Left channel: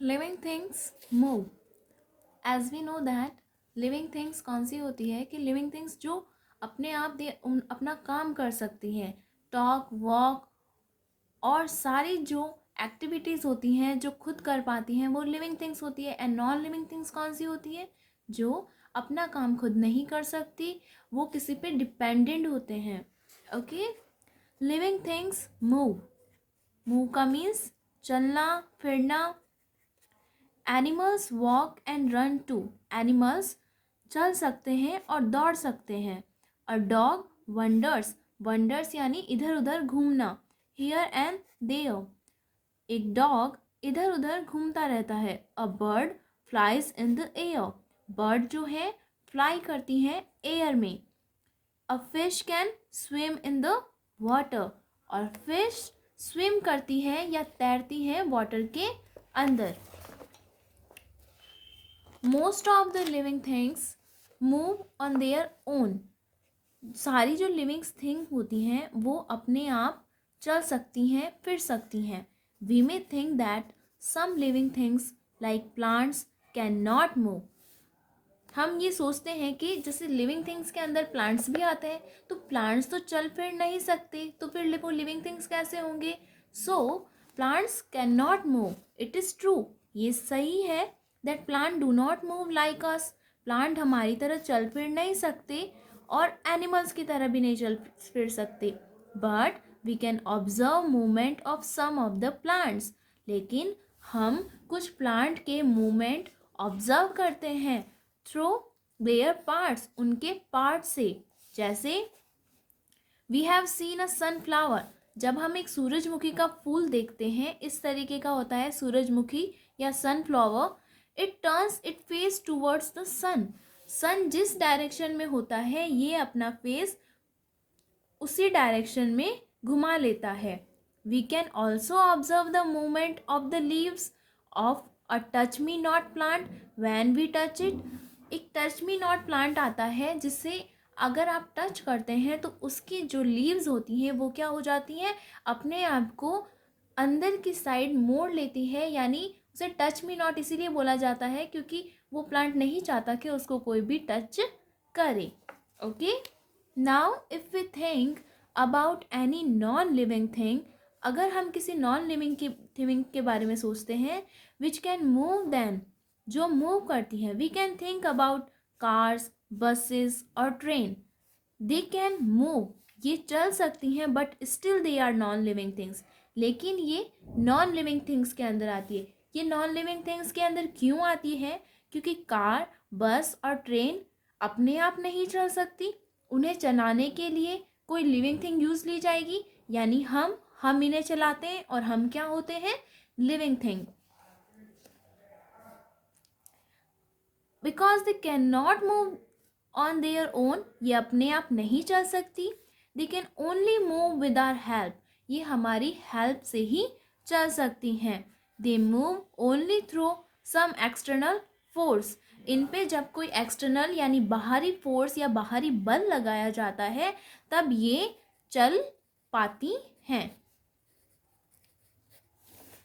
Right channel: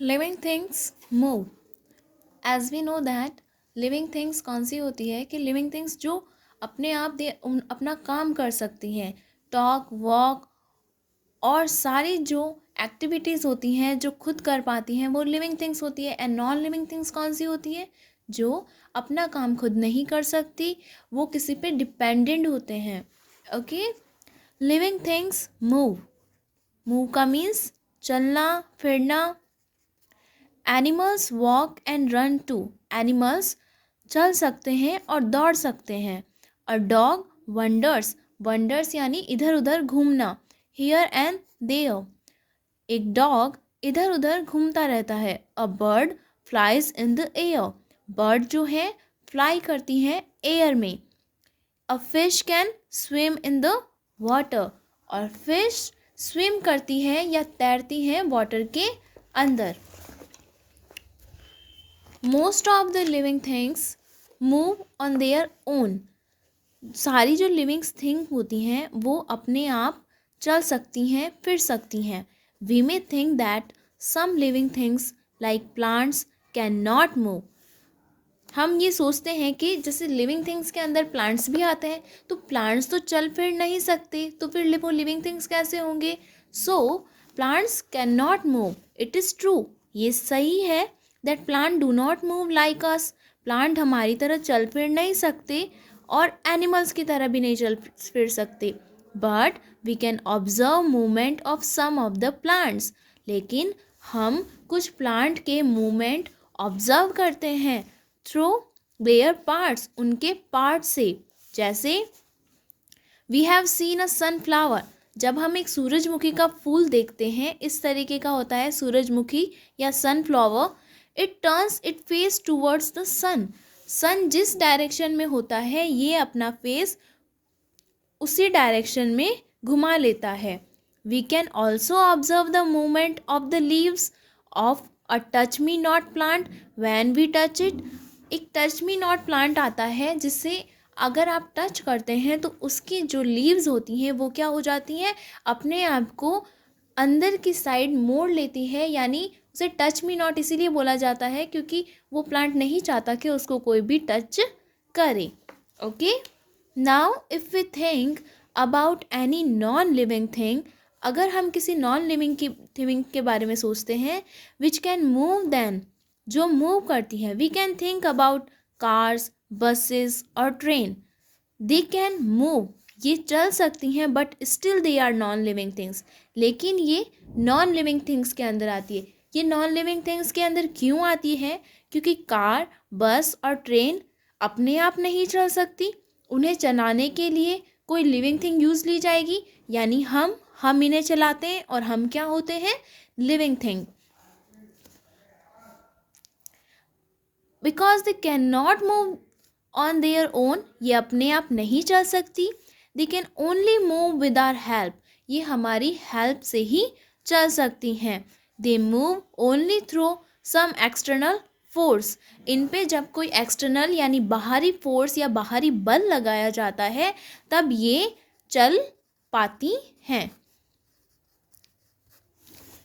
Living things move. As we know that living things कौन सी होती है कि लिविंग थिंग्स जो अपने आप अपना काम कर सकती हैं, टॉक वॉक और सारी जो एक्टिविटीज़ होती हैं जो खुद कर पाती हैं वो लिविंग थिंग्स होती है. एंड नॉन लिविंग थिंग्स कौन सी होती है? जो अपना काम खुद नहीं कर सकती, वो किसी पे डिपेंडेंट होते हैं. Okay. Living things move. Move का मीन्स चलना फिरना. Animals walk and run too. एनिमल्स चल सकते हैं और दौड़ सकते हैं. A dog wonders. वंडर्स यानी इधर उधर घूमना. Here and there. एक डॉग इधर उधर घूमता रहता है. A bird flies in the air. Bird जो है फ्लाई करती हैं एयर में. A fish can swim in the water. और फिश स्विम करती है या तैरती हैं वाटर के अंदर. Most of the living things move on their own. सारी जो लिविंग थिंग होती हैं वो अपने आप चल सकती हैं फिर सकती हैं. We may think that some living things like plants can not move. हम ये सोचते हैं कि जैसे लिविंग थिंग्स के अंदर प्लांट्स भी आते हैं तो प्लांट्स तो चल फिर नहीं सकते, तो फिर वो लिविंग थिंग्स कैसे होंगे? So plants can not move. It is true. ये सही है that plant do not move like us. Plant हमारी तरह चल फिर नहीं सकते और एनिमल्स की तरह भी नहीं चल फिर सकते. But we can observe movement of some of the plants. लेकिन हम कुछ प्लांट के मूवमेंट ऑब्जर्व करते हैं थ्रू देयर पार्ट्स. उनके पार्ट से. जैसे we have seen a sunflower. जब हम एक सूरजमुखी का फूल देखते हैं, इस तरीके का होता है सूरजमुखी या sunflower. It turns it face towards the sun. Sun जिस डायरेक्शन में होता है ये अपना फेस उसी डायरेक्शन में घुमा लेता है. We can also observe the movement of the leaves of a touch me not plant when we touch it. एक टच मी नॉट प्लांट आता है जिससे अगर आप टच करते हैं तो उसकी जो लीव्स होती हैं वो क्या हो जाती हैं, अपने आप को अंदर की साइड मोड़ लेती है. यानी उसे टच मी नॉट इसीलिए बोला जाता है क्योंकि वो प्लांट नहीं चाहता कि उसको कोई भी टच करे. Okay. Now if we think about any non living thing. अगर हम किसी नॉन लिविंग की थिंग के बारे में सोचते हैं विच कैन मूव देन, जो मूव करती है, we can think about cars buses और ट्रेन. They can move. ये चल सकती हैं but still they are non living things. लेकिन ये नॉन लिविंग थिंग्स के अंदर आती है. ये नॉन लिविंग थिंग्स के अंदर क्यों आती है? क्योंकि कार बस और ट्रेन अपने आप नहीं चल सकती. उन्हें चलाने के लिए कोई लिविंग थिंग यूज़ ली जाएगी. यानी हम इन्हें चलाते हैं और हम क्या होते हैं? Living thing. Because they can not move on their own. ये अपने आप नहीं चल सकती. They can only move with our help. ये हमारी हेल्प से ही चल सकती हैं. They move only through some external force. इन पे जब कोई एक्सटर्नल यानी बाहरी फोर्स या बाहरी बल लगाया जाता है तब ये चल पाती हैं.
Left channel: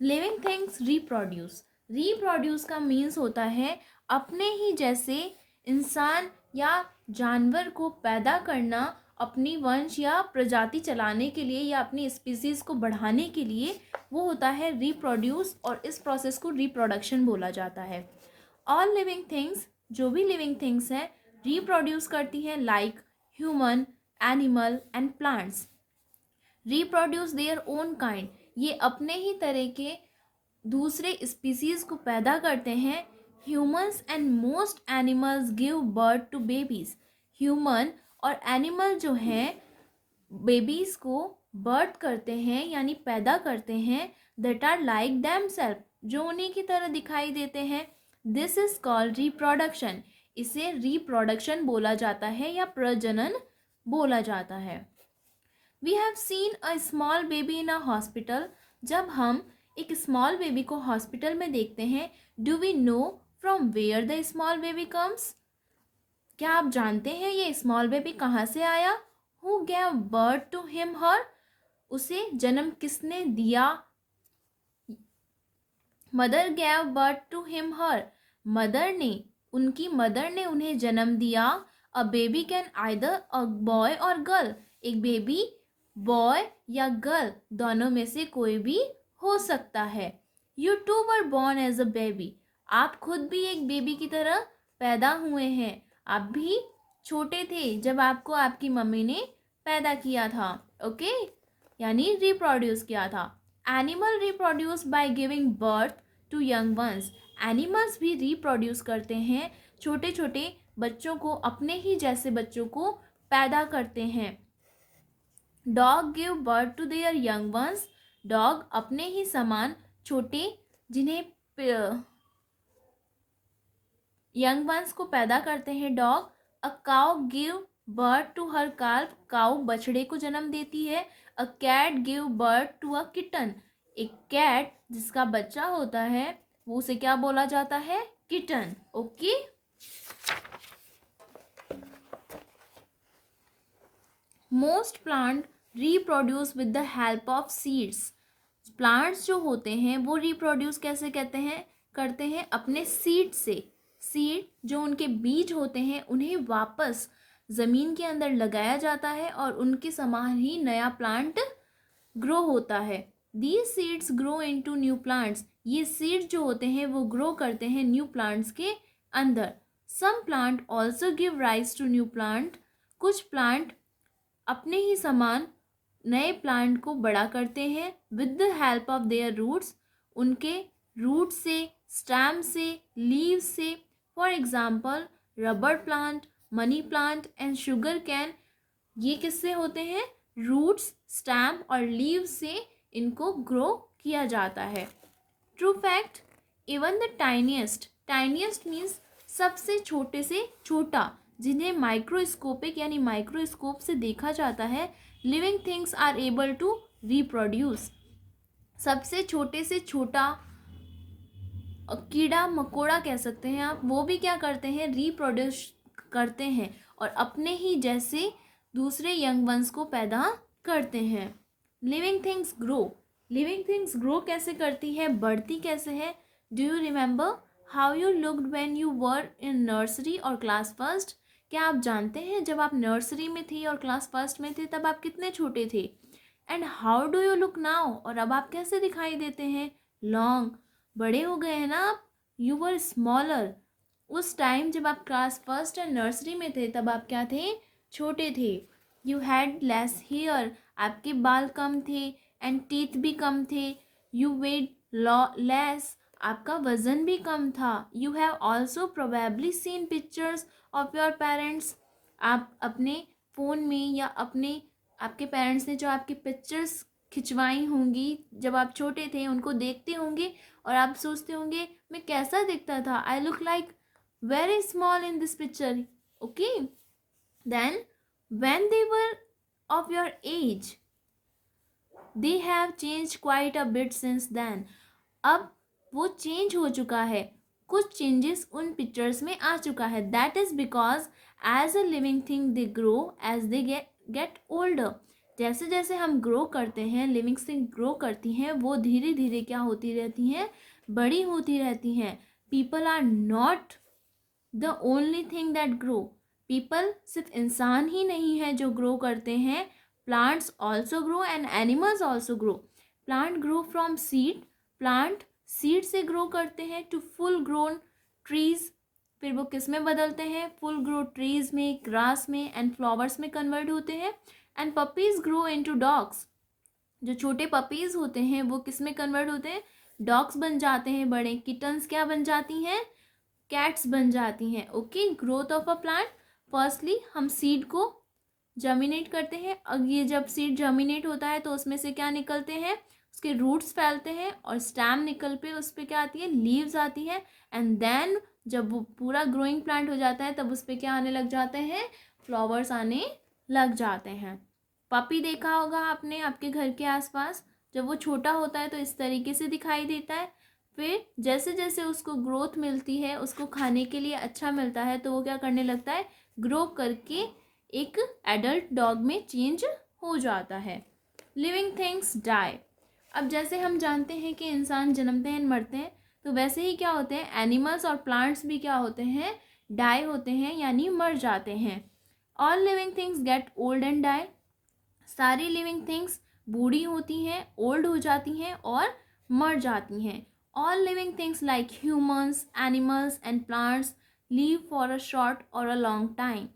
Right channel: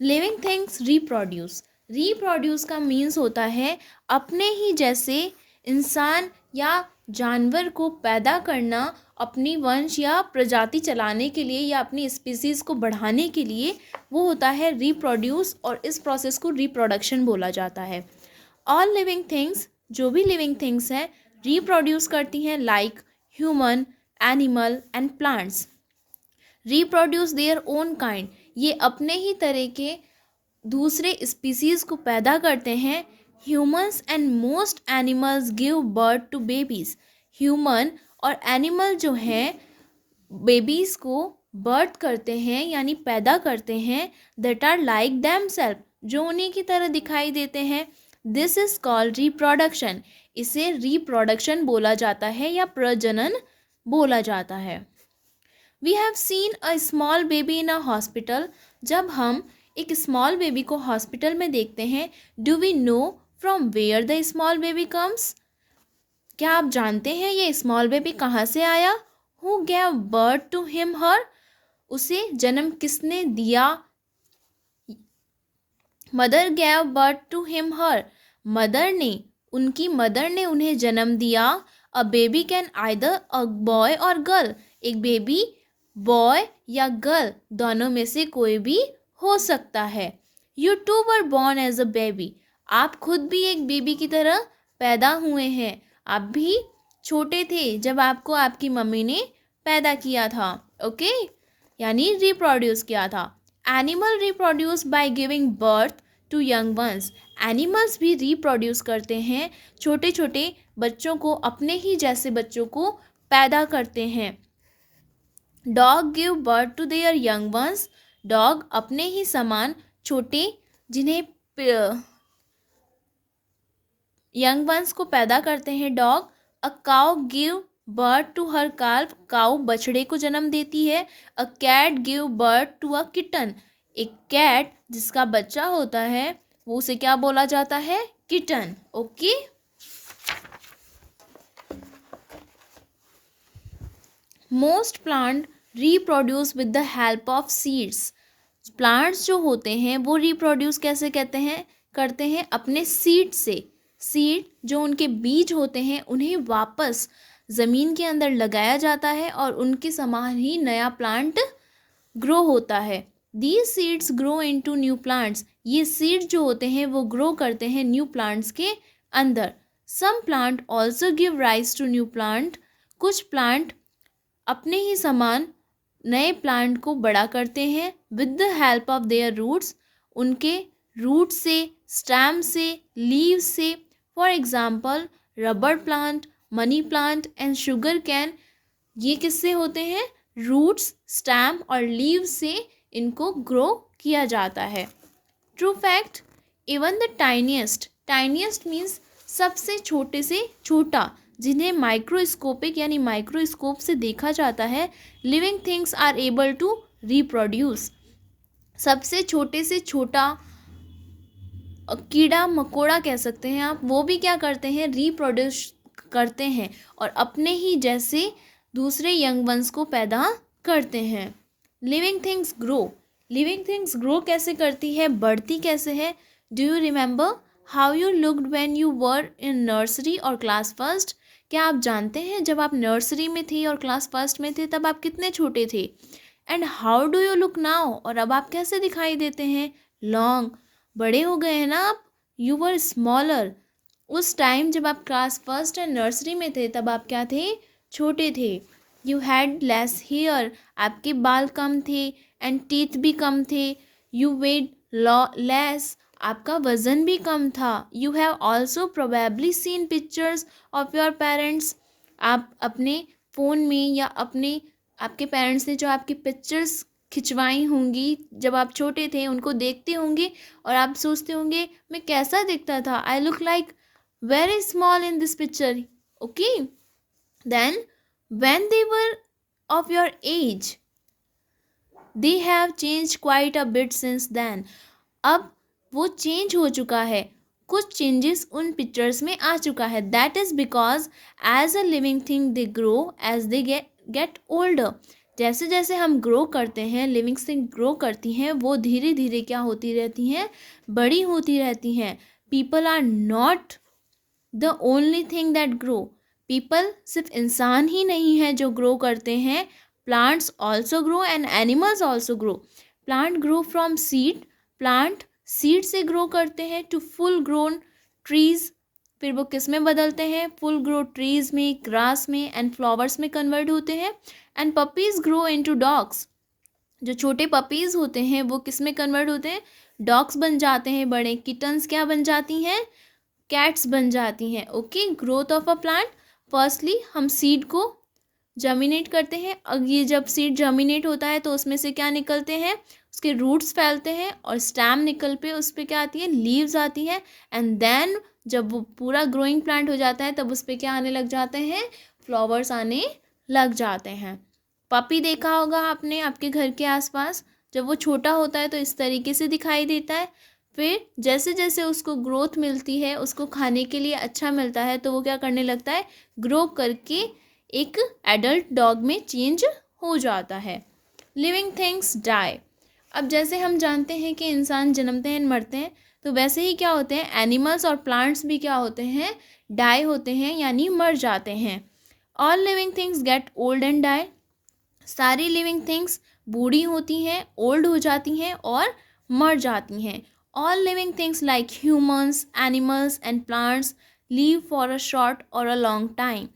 Living things reproduce. रिप्रोड्यूस का मीन्स होता है अपने ही जैसे इंसान या जानवर को पैदा करना अपनी वंश या प्रजाति चलाने के लिए या अपनी स्पीसीज को बढ़ाने के लिए. वो होता है रिप्रोड्यूस और इस प्रोसेस को रिप्रोडक्शन बोला जाता है. ऑल लिविंग थिंग्स, जो भी लिविंग थिंग्स हैं, रिप्रोड्यूस करती हैं like human animal and plants. Reproduce their own kind. ये अपने ही तरह के दूसरे स्पीसीज़ को पैदा करते हैं. Humans and most animals give birth to babies. Human और एनिमल जो हैं बेबीज़ को बर्थ करते हैं यानी पैदा करते हैं. That are like them self, जो उन्हीं की तरह दिखाई देते हैं. This is called reproduction. इसे रिप्रोडक्शन बोला जाता है या प्रजनन बोला जाता है. We have seen a small baby in a hospital. जब हम एक स्मॉल बेबी को हॉस्पिटल में देखते हैं, do we know from where the small baby comes. क्या आप जानते हैं ये स्मॉल बेबी कहाँ से आया? Who gave birth to him her. उसे जन्म किसने दिया? Mother gave birth to him her, उनकी मदर ने उन्हें जन्म दिया। A baby can either a boy or girl, एक बेबी बॉय या गर्ल दोनों में से कोई भी हो सकता है। You too were born as a baby, आप खुद भी एक बेबी की तरह पैदा हुए हैं। आप भी छोटे थे जब आपको आपकी मम्मी ने पैदा किया था। ओके, यानी रिप्रोड्यूस किया था। Animal reproduce by giving birth to young ones, animals भी रिप्रोड्यूस करते हैं, छोटे छोटे बच्चों को, अपने ही जैसे बच्चों को पैदा करते हैं। Dog give birth to their young ones, dog अपने ही समान छोटे जिन्हें यंग वंस को पैदा करते हैं dog. A cow give birth to her calf, cow बछड़े को जन्म देती है। A cat give birth to a kitten, एक कैट जिसका बच्चा होता है वो उसे क्या बोला जाता है? Kitten. Okay, most plant reproduce with the help of seeds, plants जो होते हैं वो रिप्रोड्यूस कैसे करते हैं अपने सीड से। सीड जो उनके बीज होते हैं उन्हें वापस ज़मीन के अंदर लगाया जाता है और उनके समान ही नया प्लांट ग्रो होता है। These seeds grow into new plants, ये सीड्स जो होते हैं वो ग्रो करते हैं न्यू प्लांट्स के अंदर। Some plant also give rise to new plant, कुछ प्लांट अपने ही समान नए प्लांट को बड़ा करते हैं with the help of their roots, उनके रूट से, स्टेम से, लीव से। For example rubber plant, money plant and sugarcane, ये किससे होते हैं? रूट्स, स्टेम और लीव से इनको ग्रो किया जाता है। True fact, even the tiniest, tiniest means सबसे छोटे से छोटा, जिन्हें माइक्रोस्कोपिक यानी माइक्रोस्कोप से देखा जाता है, living things are able to reproduce, सबसे छोटे से छोटा कीड़ा मकोड़ा कह सकते हैं आप, वो भी क्या करते हैं? रिप्रोड्यूस करते हैं और अपने ही जैसे दूसरे यंग वंस को पैदा करते हैं। Living things grow, living things grow कैसे करती है, बढ़ती कैसे है? Do you remember how you looked when you were in nursery और क्लास फर्स्ट, क्या आप जानते हैं जब आप नर्सरी में थे और क्लास फर्स्ट में थे तब आप कितने छोटे थे? And how do you look now, और अब आप कैसे दिखाई देते हैं? लॉन्ग, बड़े हो गए हैं ना आप। यू वर स्मॉलर, उस टाइम जब आप क्लास फर्स्ट एंड नर्सरी में थे तब आप क्या थे? छोटे थे। यू हैड लेस हेयर, आपके बाल कम थे, एंड टीथ भी कम थे। यू वेड लेस, आपका वज़न भी कम था। You have also probably scene pictures of your parents, आप अपने फ़ोन में या आपके पेरेंट्स ने जो आपकी पिक्चर्स खिंचवाई होंगी जब आप छोटे थे उनको देखते होंगे और आप सोचते होंगे मैं कैसा दिखता था, I look like very small in this picture. Okay, then when they were of your age they have changed quite a bit since then, अब वो चेंज हो चुका है, कुछ चेंजेस उन पिक्चर्स में आ चुका है। That is because as a living thing they grow as they get older, जैसे जैसे हम ग्रो करते हैं, लिविंग थिंग ग्रो करती हैं, वो धीरे धीरे क्या होती रहती हैं? बड़ी होती रहती हैं। People are not the only thing that grow, people सिर्फ इंसान ही नहीं है जो ग्रो करते हैं, plants also grow and animals also grow. Plant grow from seed, plant seed से ग्रो करते हैं टू फुल ग्रोन ट्रीज, फिर वो किस में बदलते हैं? फुल ग्रो ट्रीज में, ग्रास में एंड फ्लावर्स में कन्वर्ट होते हैं। And puppies grow into dogs, जो छोटे पपीज होते हैं वो किस में कन्वर्ट होते हैं? डॉग्स बन जाते हैं। बड़े किटन्स क्या बन जाती हैं? कैट्स बन जाती हैं। Okay, growth of a plant, firstly हम सीड को जर्मिनेट करते हैं। अब ये जब सीड जर्मिनेट होता है तो उसमें से क्या निकलते हैं? उसके रूट्स फैलते हैं और स्टेम निकल पे उस पर क्या आती है? लीव्स आती है। एंड देन जब वो पूरा ग्रोइंग प्लांट हो जाता है तब उस पर क्या आने लग जाते हैं? फ्लावर्स आने लग जाते हैं। पपी देखा होगा आपने आपके घर के आसपास, जब वो छोटा होता है तो इस तरीके से दिखाई देता है, फिर जैसे जैसे उसको ग्रोथ मिलती है, उसको खाने के लिए अच्छा मिलता है तो वो क्या करने लगता है? ग्रो करके एक एडल्ट डॉग में चेंज हो जाता है। लिविंग थिंग्स डाई, अब जैसे हम जानते हैं कि इंसान जन्मते हैं मरते हैं, तो वैसे ही क्या होते हैं, एनिमल्स और प्लांट्स भी क्या होते हैं, डाई होते हैं यानी मर जाते हैं। All living things get old and die. सारी लिविंग थिंग्स बूढ़ी होती हैं, ओल्ड हो जाती हैं और मर जाती हैं। All living things like humans, animals and plants live for a short और a long time.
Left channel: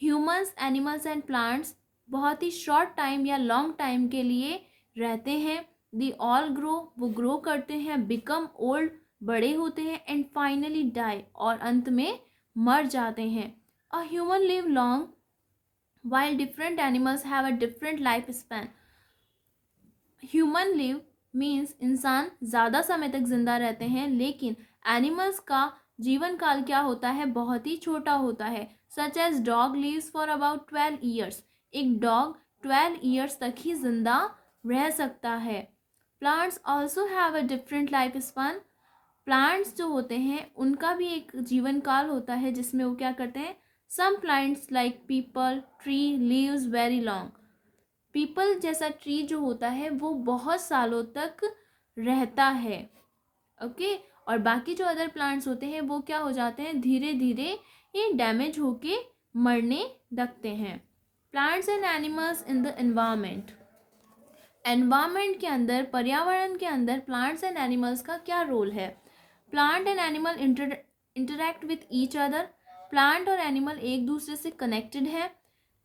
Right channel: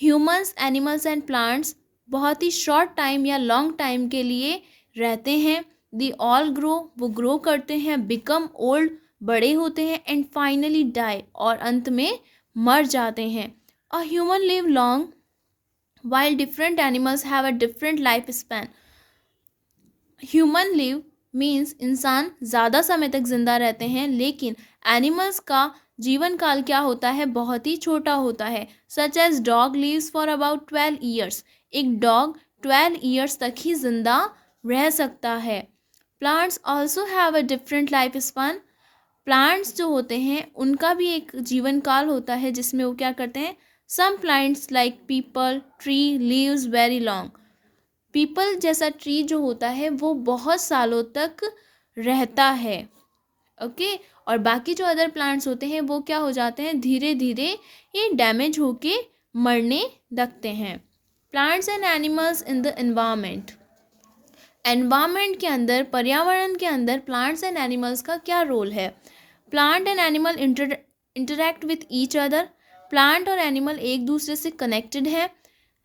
Humans, animals and plants बहुत ही शॉर्ट टाइम या लॉन्ग टाइम के लिए रहते हैं। दी ऑल ग्रो, वो ग्रो करते हैं, बिकम ओल्ड, बड़े होते हैं, एंड फाइनली डाई, और अंत में मर जाते हैं। A human live long while different animals have a different life span. Human live means इंसान ज़्यादा समय तक जिंदा रहते हैं, लेकिन एनिमल्स का जीवन काल क्या होता है, बहुत ही छोटा होता है। Such as dog lives for about 12 years. एक डॉग 12 ईयर्स तक ही जिंदा रह सकता है। Plants also have a different life span. Plants जो होते हैं उनका भी एक जीवन काल होता है जिसमें वो क्या करते हैं, some plants like peepal tree lives very long. Peepal जैसा ट्री जो होता है वो बहुत सालों तक रहता है। ओके, और बाकी जो अदर प्लांट्स होते हैं वो क्या हो जाते हैं, धीरे धीरे ये डैमेज होके मरने लगते हैं। Plants and animals in the environment. Environment के अंदर, पर्यावरण के अंदर प्लांट्स एंड एनिमल्स का क्या रोल है। Plant and animal interact with each other. Plant और एनिमल एक दूसरे से कनेक्टेड है।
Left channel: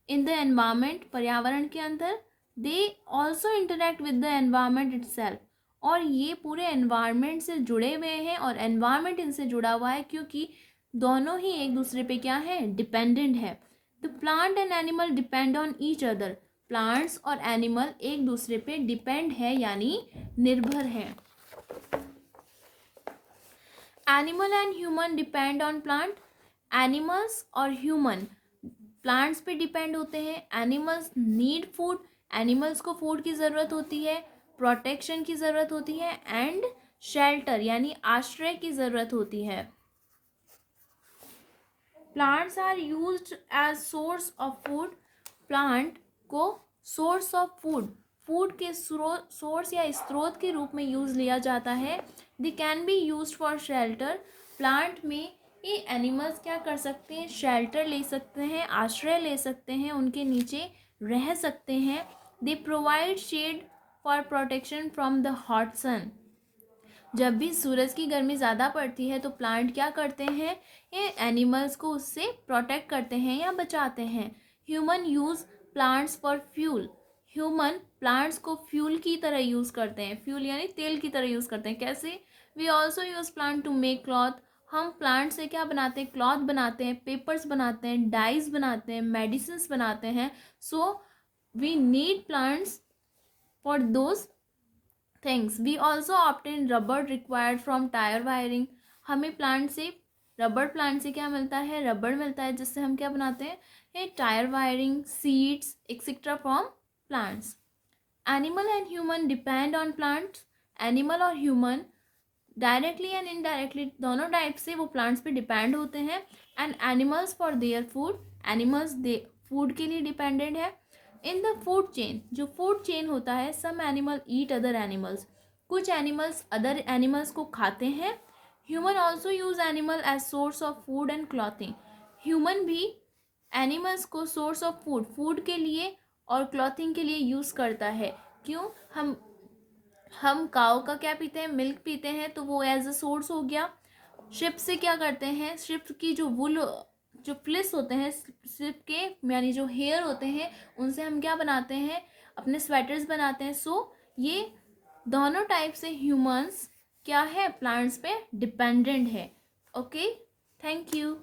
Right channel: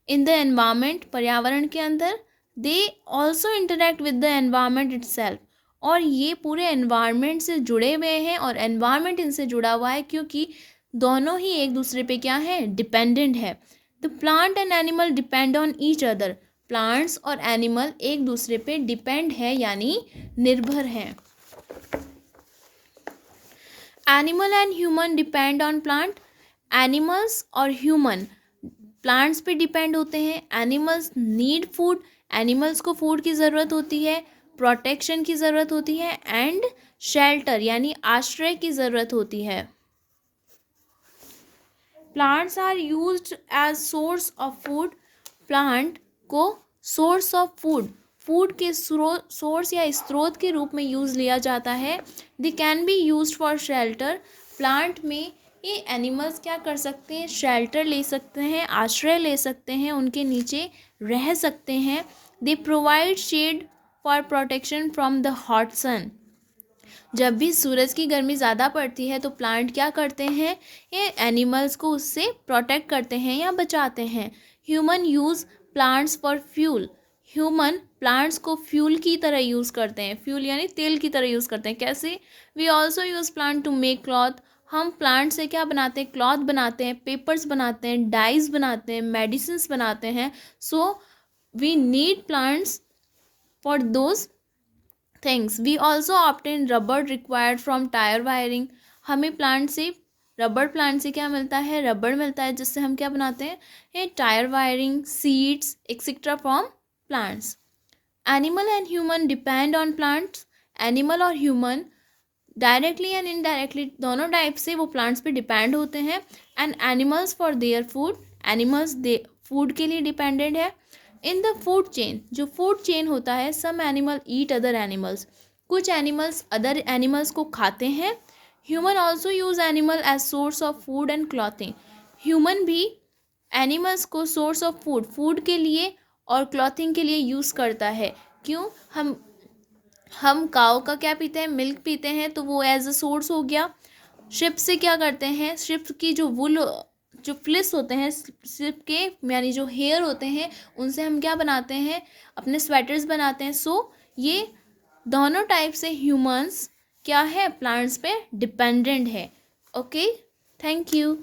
इन द एनवायरनमेंट, पर्यावरण के अंदर, they also interact with the environment itself, और ये पूरे एनवायरनमेंट से जुड़े हुए हैं और एनवायरनमेंट इनसे जुड़ा हुआ है, क्योंकि दोनों ही एक दूसरे पे क्या है, डिपेंडेंट है। The plant and animal depend on each other. Plants और एनिमल एक दूसरे पे डिपेंड है यानी निर्भर हैं। Animal and human depend on plant. Animals और ह्यूमन प्लांट्स पे डिपेंड होते हैं। एनिमल्स नीड फूड, एनिमल्स को फूड की ज़रूरत होती है, प्रोटेक्शन की ज़रूरत होती है, एंड शेल्टर यानी आश्रय की ज़रूरत होती है। Plants are used as source of food. Plant को सोर्स ऑफ फूड, फूड के सोर्स या स्रोत के रूप में यूज़ लिया जाता है। They can be used for shelter. Plant में ये एनिमल्स क्या कर सकते हैं, शेल्टर ले सकते हैं, आश्रय ले सकते हैं, उनके नीचे रह सकते हैं। They provide shade for protection from the hot sun. जब भी सूरज की गर्मी ज़्यादा पड़ती है तो प्लांट क्या करते हैं, ये एनिमल्स को उससे प्रोटेक्ट करते हैं या बचाते हैं। Human use plants for fuel. Human plants को फ्यूल की तरह यूज़ करते हैं, फ्यूल यानी तेल की तरह यूज़ करते हैं। कैसे? We also use plant to make cloth. हम प्लांट से क्या बनाते हैं, क्लॉथ बनाते हैं, पेपर्स बनाते हैं, डाइज बनाते हैं, मेडिसिन बनाते हैं। So we need plants for those things. We also obtain rubber required from tyre wiring. हमें प्लांट से, रबर प्लांट से क्या मिलता है, रबर मिलता है, जिससे हम क्या बनाते हैं, ये tyre wiring, seeds etcetera from plants. Animal and human depend on plants. Animal और ह्यूमन डायरेक्टली एंड इनडायरेक्टली दोनों टाइप से वो प्लांट्स पे डिपेंड होते हैं। And animals for their food, animals they food के लिए डिपेंडेंट है। इन द फूड चेन, जो फूड चेन होता है, some animal eat other animals. कुछ एनिमल्स अदर एनिमल्स को खाते हैं। Human also use animal as source of food and clothing. Human भी एनिमल्स को सोर्स ऑफ फूड, फूड के लिए और क्लॉथिंग के लिए यूज़ करता है। क्यों? हम काऊ का क्या पीते हैं, मिल्क पीते हैं, तो वो एज अ सोर्स हो गया। शिप से क्या करते हैं, शिप की जो वुल, जो फ्लिस होते हैं शिप के, यानी जो हेयर होते हैं, उनसे हम क्या बनाते हैं, अपने स्वेटर्स बनाते हैं। सो ये दोनों टाइप से ह्यूमंस क्या है, प्लांट्स पे डिपेंडेंट है। Okay, thank you.